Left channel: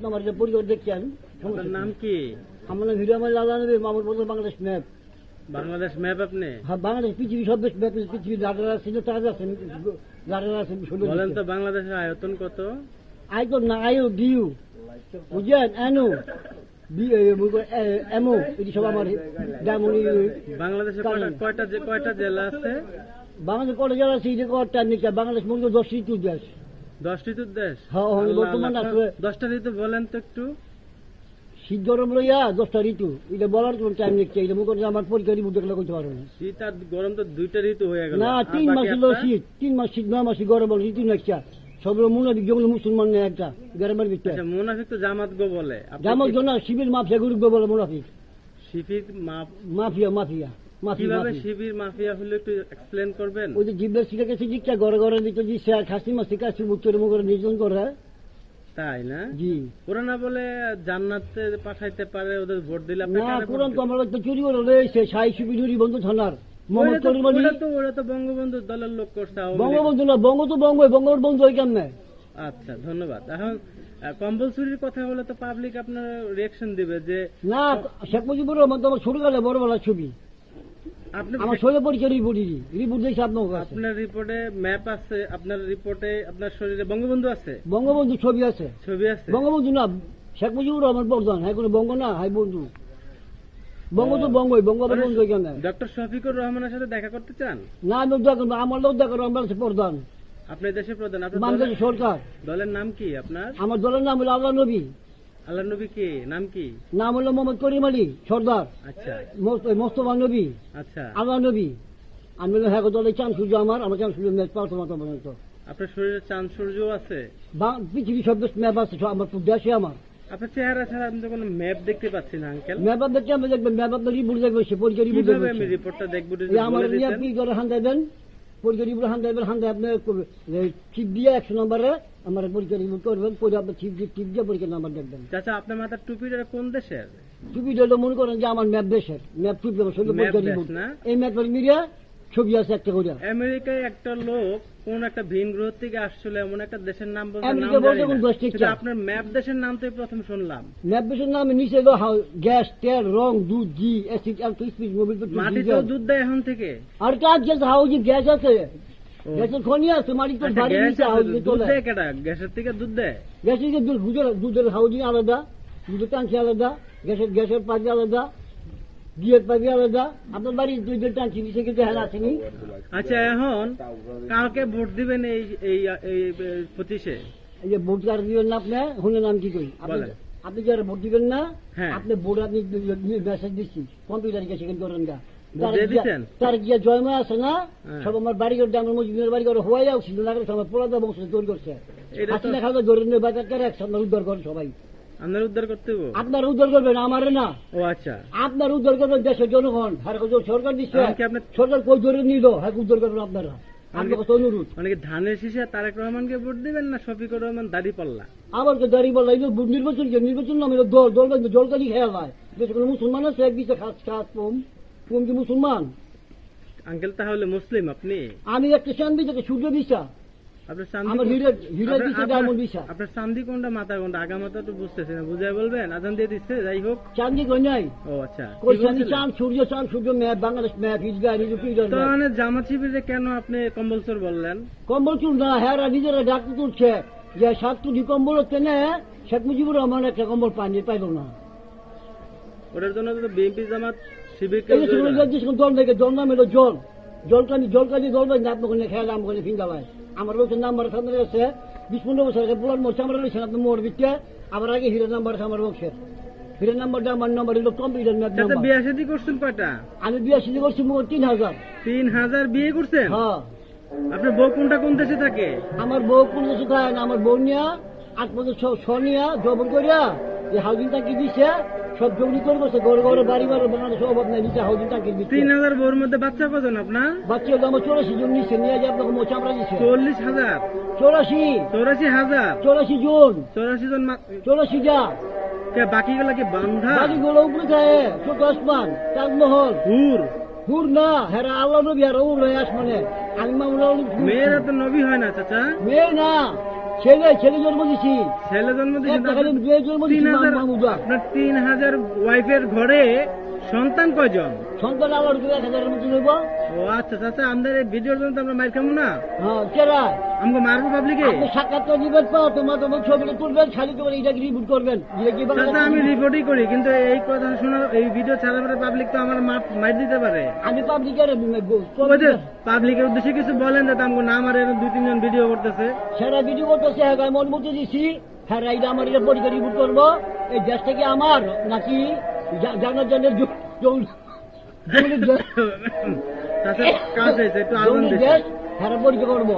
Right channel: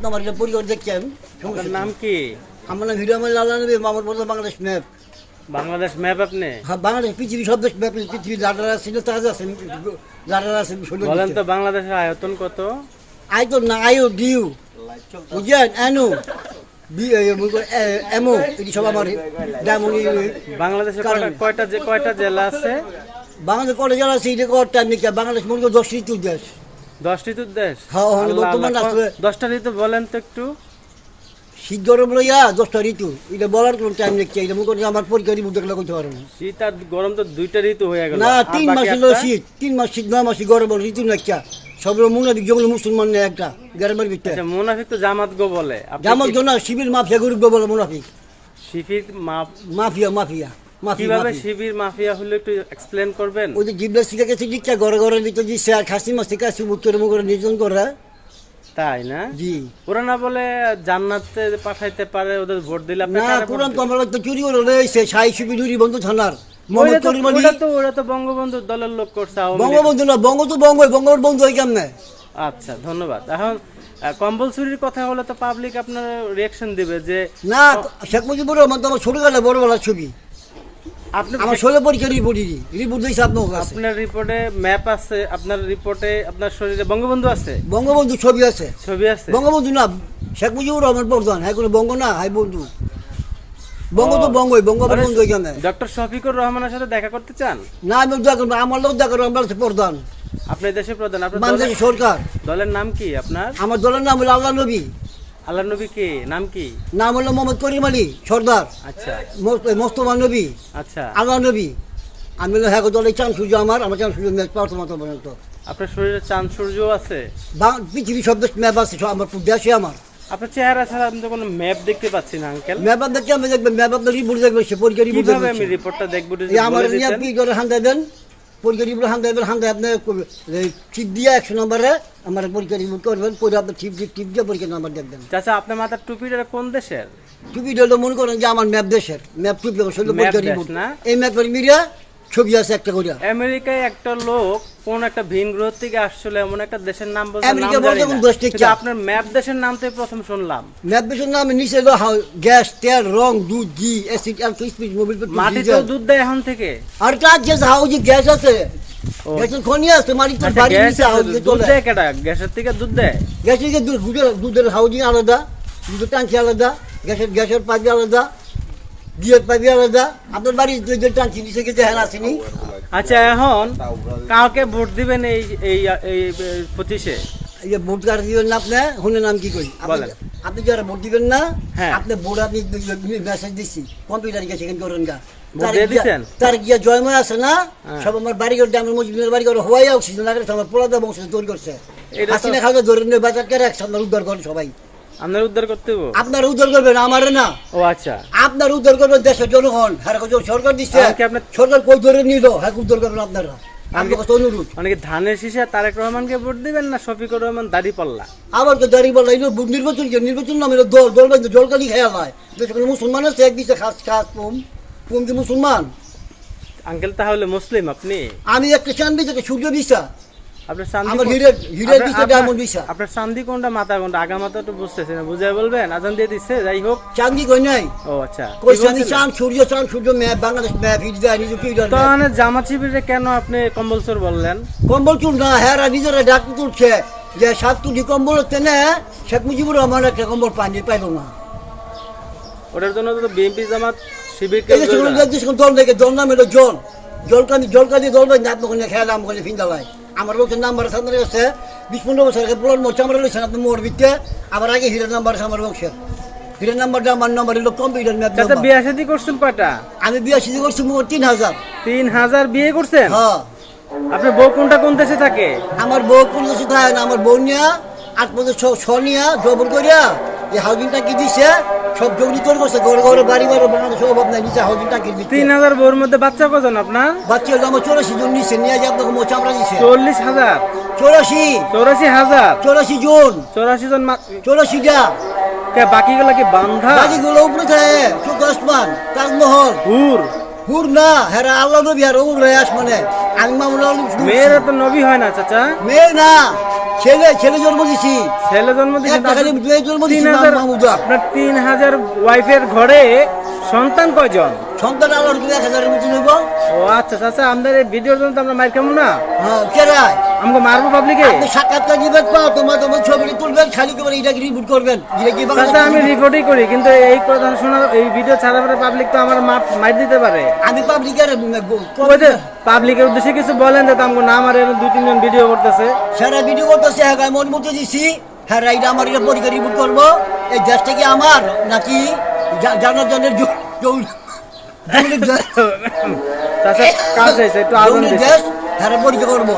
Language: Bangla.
আপনি আমার এটা পরিবার দেখছেন আপনার নাম কি? আমার নাম হিরো আমার লালা নবী আমার বলতে বাংলাদেশ ম্যাপ। বাংলাদেশ ম্যাপ আপনি? হ্যাঁ বাংলাদেশ পৃথিবী সব দেশ ম্যাপ পৃথিবী লাডার আছে তাজ আছে লাডার আছে বলেন তো বাংলাদেশের আয়তন কত? আই তো না আইও ডিউ। বুঝছেন এনু এমও এটি সব আমার ডায়মন্ড বাংলাদেশে কয়টা কয়টা কয়টা জেলা আছে? বাংলাদেশ কলেজ যারা আছে এটা কর টাইম বাংলাদেশ মনে করো দশ ঋতু দেশ। দশটি তো দেশ। হ্যাঁ, হ্যাঁ, দশটা ঋতু বলেন তো একটু। শীত গরম লইয়া দশটা ঋতু। এটা বলার কোনো টাইম নিচ্ছে এটা মনে করি আমার পরীক্ষা ঋতু দেখলে করতে পারব না। শীত আর গরম তো দুইটা ঋতু হয়ে গেল। না তিন মাস হলো শীত তিন মাস শীত নয় মাসি গরম ঋতু নাকি সব মুনাফিক যেগুলো মুসলমান নেই একটা গ্রামের ভিতরে। আচ্ছা মুনাফিক তো জামাত গো বলে। জামাল কি- জন্য শিবির মাফিয়া গ্রুপ বলে মুনাফিক। Shibir mafia mafia. কীভাবে শিবির মাফিয়া হলো একটু এক্সপ্লেন করবেন? ওই যে জিবলা শিখে গেছে দিকটা ঘরে ঘরে দিচ্ছে আর খাসি মাছ থেকে আসি মুখ করে নির্জন করে। তাই না? জি। ওরা না বলে জান্নাতে পাঠাইতে পারে ওদের ভোট দিলে আপনি না কারে তো দিবেন? তো চুরি করে রয়েছে সাই শিবির নুরি বন্ধু থানার। ওরা তো- ওরা তো বঙ্গবন্ধু দলের লোক করছে বঙ্গবন্ধু না বঙ্গ তো বঙ্গ বঙ্গবন্ধু ওই কেমনে? আচ্ছা ধন্যবাদ। এখন চুরির কথা হলে তো পাবলিক আপনার রিয়াকশন দিবে যে না শেখ মুজিবুর রহমান তো আমার ছোটবেলা বড়বেলার ছবি। আমার ষোলো পরীক্ষা রিপোর্ট রিপোর্ট দিয়েছে আপনার কাছে। আপনার রিপোর্টে ম্যাপ আছে আপনার রিপোর্টে আপনার শরীরে বঙ্গবন্ধু আছে? বঙ্গবন্ধু ছবি আছে। ছবি আছে? বঙ্গবন্ধু না শেখ মুজিবুর রহমান প্রধান হ্যাঁ কোনো বঙ্গ না হাই বন্ধু। বঙ্গ তো বঙ্গই বঙ্গবন্ধু এখানে। ডক্টর শফিকুর রহমানের সাথে দেখা করতে চান? না আমি দেখা করব আমার লোক দেখা করব আমরা প্রধান। আপনার দেশের প্রধান আপনার সরকার। দলের নাম কি আপনার? আমার দলের নাম হলো আল্লাহ নবী। আল্লাহ নবী কি? নাম কি? নাম হলো মোহাম্মদ করিম আলী সর্দার। আচ্ছা। মোস্তফা নবী। আচ্ছা। আল্লাহ নবী। আমি হলো হ্যাঁ চান সূর্য আমার আমার চান সূর্য ম্যাচ পাওয়া তোমার পর্যন্ত। আপনার শরীরে চাঁদ সূর্য আছে? বাং- পৃথিবী সব দেশ ম্যাপ আছে আমার দেশে আমার। আপনার চেহারা ছাড়া আমি তো কোনো ম্যাপ দেখতে পাচ্ছি না আঙ্কেল। ম্যাপ কেমন দেখবেন ম্যাপ আপনার রিপোর্ট দেখবেন সে পরীক্ষা রিপোর্ট দেখবেন। আমি রিপোর্টটা দেখব আমার নিয়ে আপনি করে দেবেন পরীক্ষা রিপোর্ট এবার দেবেন আপনি টিপ দিয়ে একশো নম্বরে আমার পরীক্ষা রিপোর্ট করবেন পরে আপনার টিপ দিয়ে টিপ দিয়ে পরীক্ষা নম্বর দেখবেন চাচা আপনার মাথার টুপিটা কোন দেশের? টুপিটা হলো মনে করেন যে আমার ম্যাপ দেশের। ম্যাপ টুপি আমার পরীক্ষা না? এই ম্যাপের মিডিয়া ছবি আছে একটা করে আমেরিকায় একটা লোক কোন একটা ভিন গ্রহ থেকে আসছিল এমন একটা দেশের নাম বলতে আমেরিকা বলতে কোন দেশ থেকে? আপনার ম্যাপ দেশের নাম তো প্রথম শুনলাম। ম্যাপ দেশের নামে নিচে হলো গ্যাস তেল রং দুধ ঘি অ্যাসিড আর স্পিড মোবিল পেট্রোল, মাটিতেও ডিজেল। দুধ দেয় এখন থেকে। আর তার যে হাউজি গ্যাস আছে। গ্যাসের খনি আছে মাটিতে আচ্ছা, বাড়ি নিচে হাউজি দুধ দেয় কেটা গ্যাসের থেকে দুধ দেয়? গ্যাসের দুধ- দুধের হাউজিং আলাদা দুধের টাঙ্কি আলাদা গ্যাসের গ্যাসের পাইপ আলাদা। আলাদা। আপনার নিচে গেছে আচ্ছা এখন ভোট দিবেন এই এই এই পঁচিশে এই ভোট কার্ড দিবেন না আপনি শুনে নাম কি করি? আপনি- যারা ভোট দিবেন না হ্যাঁ। আপনি ভোট আপনি মেসেজ দিচ্ছি কম্পিউটার গিয়ে সেখানে করেন গা। তার গিয়া- জয়ময় আছে না হ্যাঁ। সব আমার বাড়ি করে আমার মজুদের বাড়ি করে হওয়াই অক্সিজেন আমার পোলাদা বংশ তৈরি করছে। হাসিনা খাওয়া নিয়ে বাজার করে একসাথে উদ্ধার করেন সবাই। আপনার উদ্ধার করতে? আপনার উদ্ধার করবেন আমার না। ও আচ্ছা। আপনার উদ্ধার করবেন দেশের জনগণ। হ্যাঁ সরকার দিচ্ছে আপনার- সরকার কই ধরে নিল? হ্যাঁ উদ্ধার করবেন আপনারা। অনেকে ধানের শীষে তারেক রহমানকে ভোট দিবেন না শফিকুর রহমান দাড়ি পাল্লা? আবার তো দাঁড়িয়ে বলা এই নির্বাচন কি? নির্বাচন নামে দল দল বান্ধব জলকালি খেয়া দেশে কোনো মুসলমান আছে এক দিচ্ছে খাস খাস কি মুসলমান? আঙ্কেল তাহলে মুসলিম আপনি? আমি একটা চান দিচ্ছে সূর্য দিশা আপনার চান্দি আমার আপনার- আপনার- কোনটা মাথা কোনটা? আগা মাথা তো বুঝতেছি না বুঝাই বলবেন? আজান দিয়ে দিচ্ছে যাই হোক। চান্দি কই নাই? ও আচ্ছা। কই কি চান্দি চান সূর্য চান সূর্য ম্যাপ বাংলাদেশ ম্যাপ হিট দেয় নিজে পিটার তো মানে শিবিরে কেন আপনি কম্বলচর বললেন? না হ্যাঁ নিজেরা ডাক তুলছে যে সাত তুলি কম্বল হচ্ছে না শেখ মুজিবুর রহমান একটা কম্বল পানি পাইল না। ওটার জন্য তো বিএনপি জামাত শিবিরকে দল নাম জল। জলকানি জলকানি দল নাত মনে খেয়াল আম করে ফিন্দা ভাই। আমার বলছে নাম্বার সামনে আছে বিশ পনেরো বছর আগে মোট চামড়া রয়েছেন আপনি মোর বিতে আবার আগে হিরের নাম্বার আছে আমার বংশের। হিরের নাম্বারটা আমার নাম্বার হলো কম্পিউটার ম্যাপ বিয়া শাদি করছেন কয়টা? আমি বিয়া সিদ্ধ করছি মোট তিন হাজার। তিন হাজার বিয়ে করছেন? হ্যাঁ। আপনার বউ কোনটা কোন দেশে থাকে? আমার বউ কোন দেশে থাকে না আমার বউ নিয়া আট বছর ছ নিয়া জবর করিয়া এই হাউজিং টাকি দিছে? সব জগনি করে করছে ঘরে ঘরে বাড়ি বাড়ি বাংলাদেশের অভাব নাই নিচে হাউজিং টাকি দিচ্ছে তিন হাজার বউর মধ্যে বাচ্চা কজন আপনার? বাচ্চা হলো আমার চৌরাশি জন নিচ্ছে নিয়ে যে আপনাকে মোট চামড়া দিছে। চল্লিশ হাজার? চৌরাশি। চৌরাশি হাজার? চৌরাশি জন। চৌরাশি জন মা- চৌরাশিটা কে বাকিগুলো কি বান্ধা? বাকিগুলো উপরে থাকে শুধু আসমান তাজমহল। হুর। হুর না হেরা আল্লাহ নবী আর উর আসমানে। আমি মামুন মেয়েরা তো নবী হয় না চাচা। মেয়ে না। ছেলে ছেলে জন্ম দিছি। ছেলে জন্ম জন্ম দিছি হাজার মাহমুদা। আপনার তিন হাজার ওয়াইফের ঘরে সন্তান কয়জন? সন্তান আল্লাহর কি এক হাজারের মতো নেব। ও আচ্ছা আচ্ছা আমাদের এই ভিডিওর জন্য তো আমরা মাইর খাব না? হ্যাঁ কেরায় আমাকে মারবো পাবলিকে আপনি সাক্ষাৎকার দিবেন পা তোমার তোমার ছবিটা তুলবেন খালি করে এটাকে রিপোর্ট করবেন। এটা কি চাচা আমি রিপোর্টই করি কিন্তু এই কথা শোনার এই ভিডিও ছাড়া পরে পাবলিক তো আমার মার দিতে পারে। আমি পাবলিকের পাবলিকের উদ্দেশ্যে কিছু বলেন যে আমাকে না আমার দুই তিনজন ভিডিও করতেছে। সারা ভিডিও করতেছে হ্যাঁ আমি অনুমতি দিছি। হ্যাঁ এটা আমার এটা পরীক্ষা রিপোর্ট করব। এই দেশটা কি আমার নাকি জানার জনের হয়েছে একটু আগুন জৌলিক হ্যাঁ পরীক্ষা করব।